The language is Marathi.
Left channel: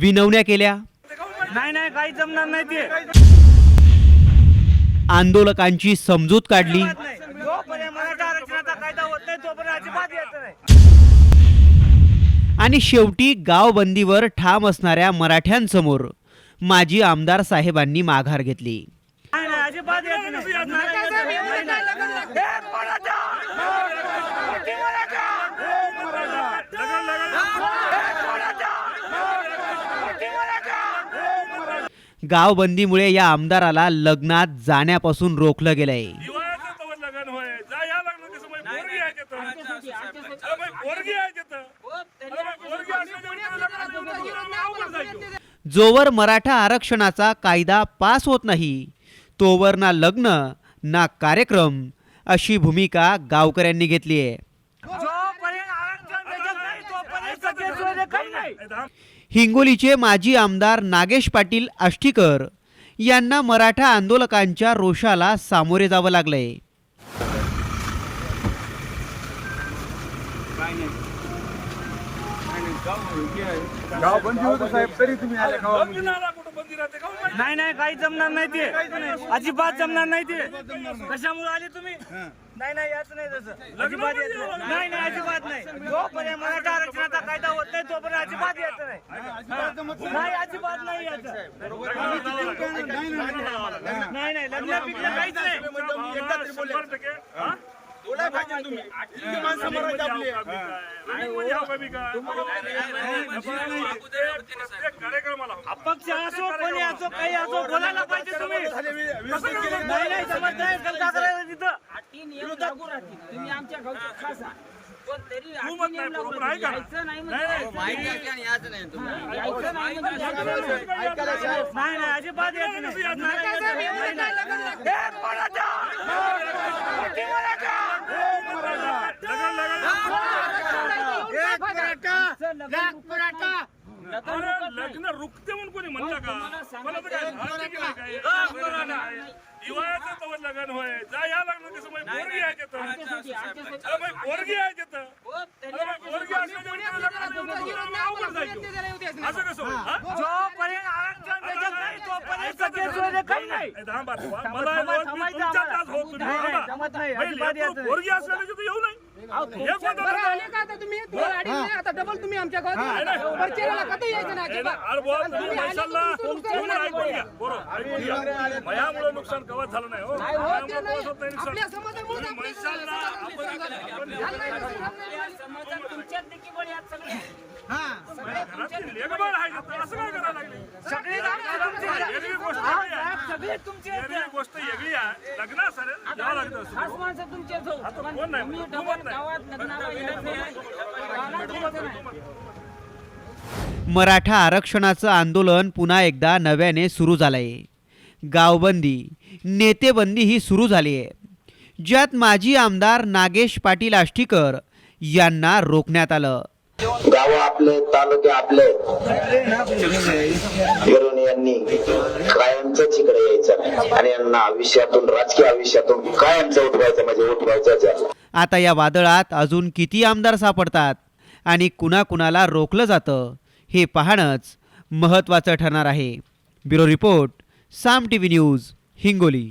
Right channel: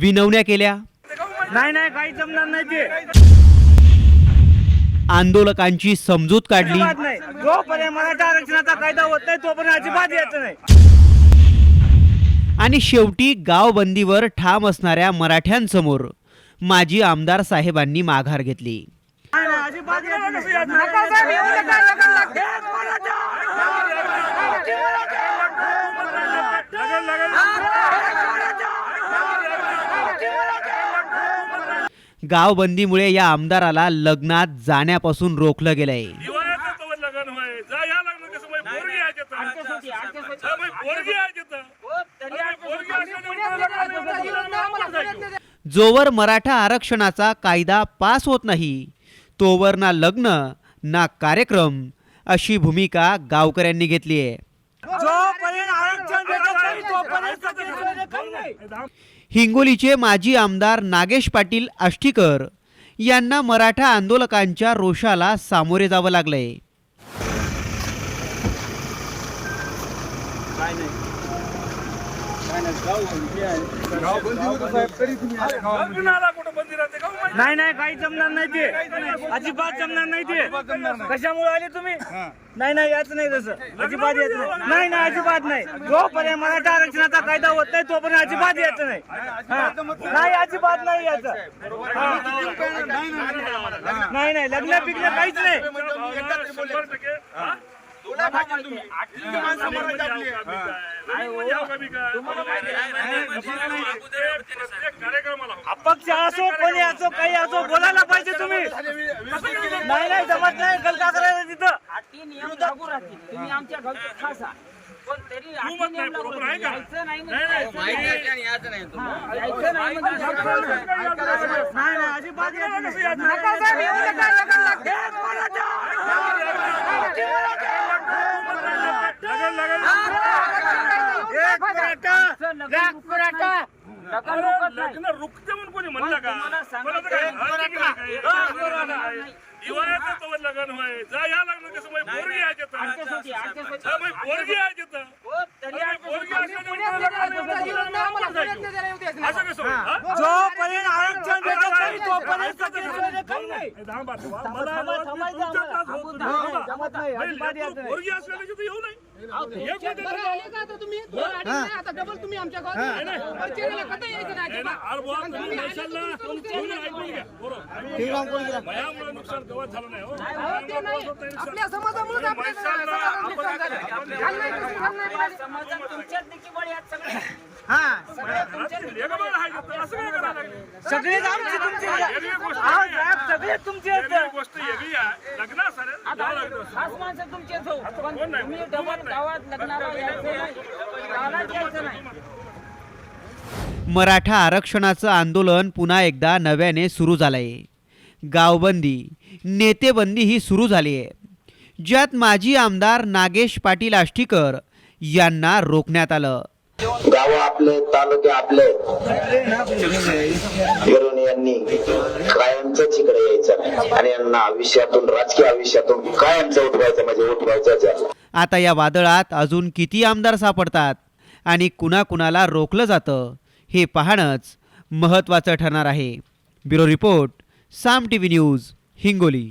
विनवण्या केल्या. नाही नाही काही जमणार नाही ते. आंदोलकांची समजूत काढली. नाही. जोपर्यंत मराठा आरक्षणाचा कायदा होत नाही तोपर्यंत अजिबात यायचं नाही. आणि शेवटी गावबंदीवर ठाम असणाऱ्या मराठ्यांसमोर माजी आमदार साहेबांनी माघार घेतली नाही, नाही, अजिबात यायचं नाही. गावबंदीमुळे या आमदाराला लग्नात जाण्यापासून रोखलं गेलंय. जोवर मराठा आरक्षणाचा कायदा पास होत नाही तोवर ना लग्न ना कार्यक्रम अशी भूमिका गावकऱ्यांनी घेतली आहे हिंगोलीचे माजी आमदार नागेश पाटील आष्टीकर यांना मराठा आंदोलकांच्या रोषाला सामोरे जावं लागलंय. लग्नाला कुठं बंदी राहते का माहिती? नाही नाही काही जमणार नाही ते. अजिबात जमणार नाही ते. कशामुळे आले तुम्ही? नाही नाही याच नाही तसं. अजिबात यायचं नाही. नाही नाही अजिबात नाही. जोपर्यंत मराठा आरक्षणाचा कायदा होत नाही तोपर्यंत अजिबात यायचं नाही. नाही. अजिबात नाही यायचं नाही नाही लग्न बिग्न काहीच नाही. शंभर हा? अपक्ष असो कोणी असो काही असो बोलायला पाहिजे तुम्ही नाही नाही जमत नाही गलका करायला तिथं अटी नियम लागू राहतील तुम्ही आमच्या गावचे खास आहात पण तरी अटी मत नियम नाही, लागू बरोबर आहे राहतील. का? यायचं नाही नाही, म्हणजे नाही, यायचं नाही. हा, यायचं नाही म्हणजे यायचं नाही. नाही नाही अजिबात नाही. लग्न रुकते म्हणून कोणी म्हणलं का. दिवाळीचं तवर लग्न होय जा या लग्न कसं माहिती पोरगी आहे तिथं. पोरगी आहे तिथं. हो. असं कसं होईल, हा? आरक्षण. मला थांबा, मी थांबायचं तुमच्या आम्हाला. तास होत नाही, नाही. नाही, थांबा. जमत नाही, बाई, अजिबात लेकरू यायचं नाही. पोरगी असल्याने तिथं येऊ नाही हे गावात. भयामुळे नुकसान कवच झालं नाही हो. आपल्या या समाजात तुमच्याच सगळे. हा. सगळे आहे, तुमचे वेगळी गोष्ट हा, साहेब, सगळे तुमचे आहेत. वेगळी गोष्ट वेगळी आहे लग्न सर आता खास माणसं तुमचेच हो. पण तुम्ही डबल गावात लग्नाला यायचं नाही. गावात यायचं नाही. मराठा आरक्षणाचं आंदोलन पुन्हा एकदा नव्याने सुरू झालंय. गावबंदी नेतेबंदी ही सुरू झाली आहे ज्यात माजी आमदार नागेश पाटील आष्टीकर यांना रोखण्यात आलं. गाव आपले तालुके आपले. यांनी इकडे यायचं. नाही आणि यांना आयुष्यातून राजकीय आयुष्यातून कायमचं उठवायचं म्हणजे उठवायचं आता या वादळात अजून किती आमदार सापडतात? आणि कुणाकुणाला रोखलं जातं? हे पाहणंच महत्त्वाचं ठरणार आहे. Bureau report Saam T V news Hingoli.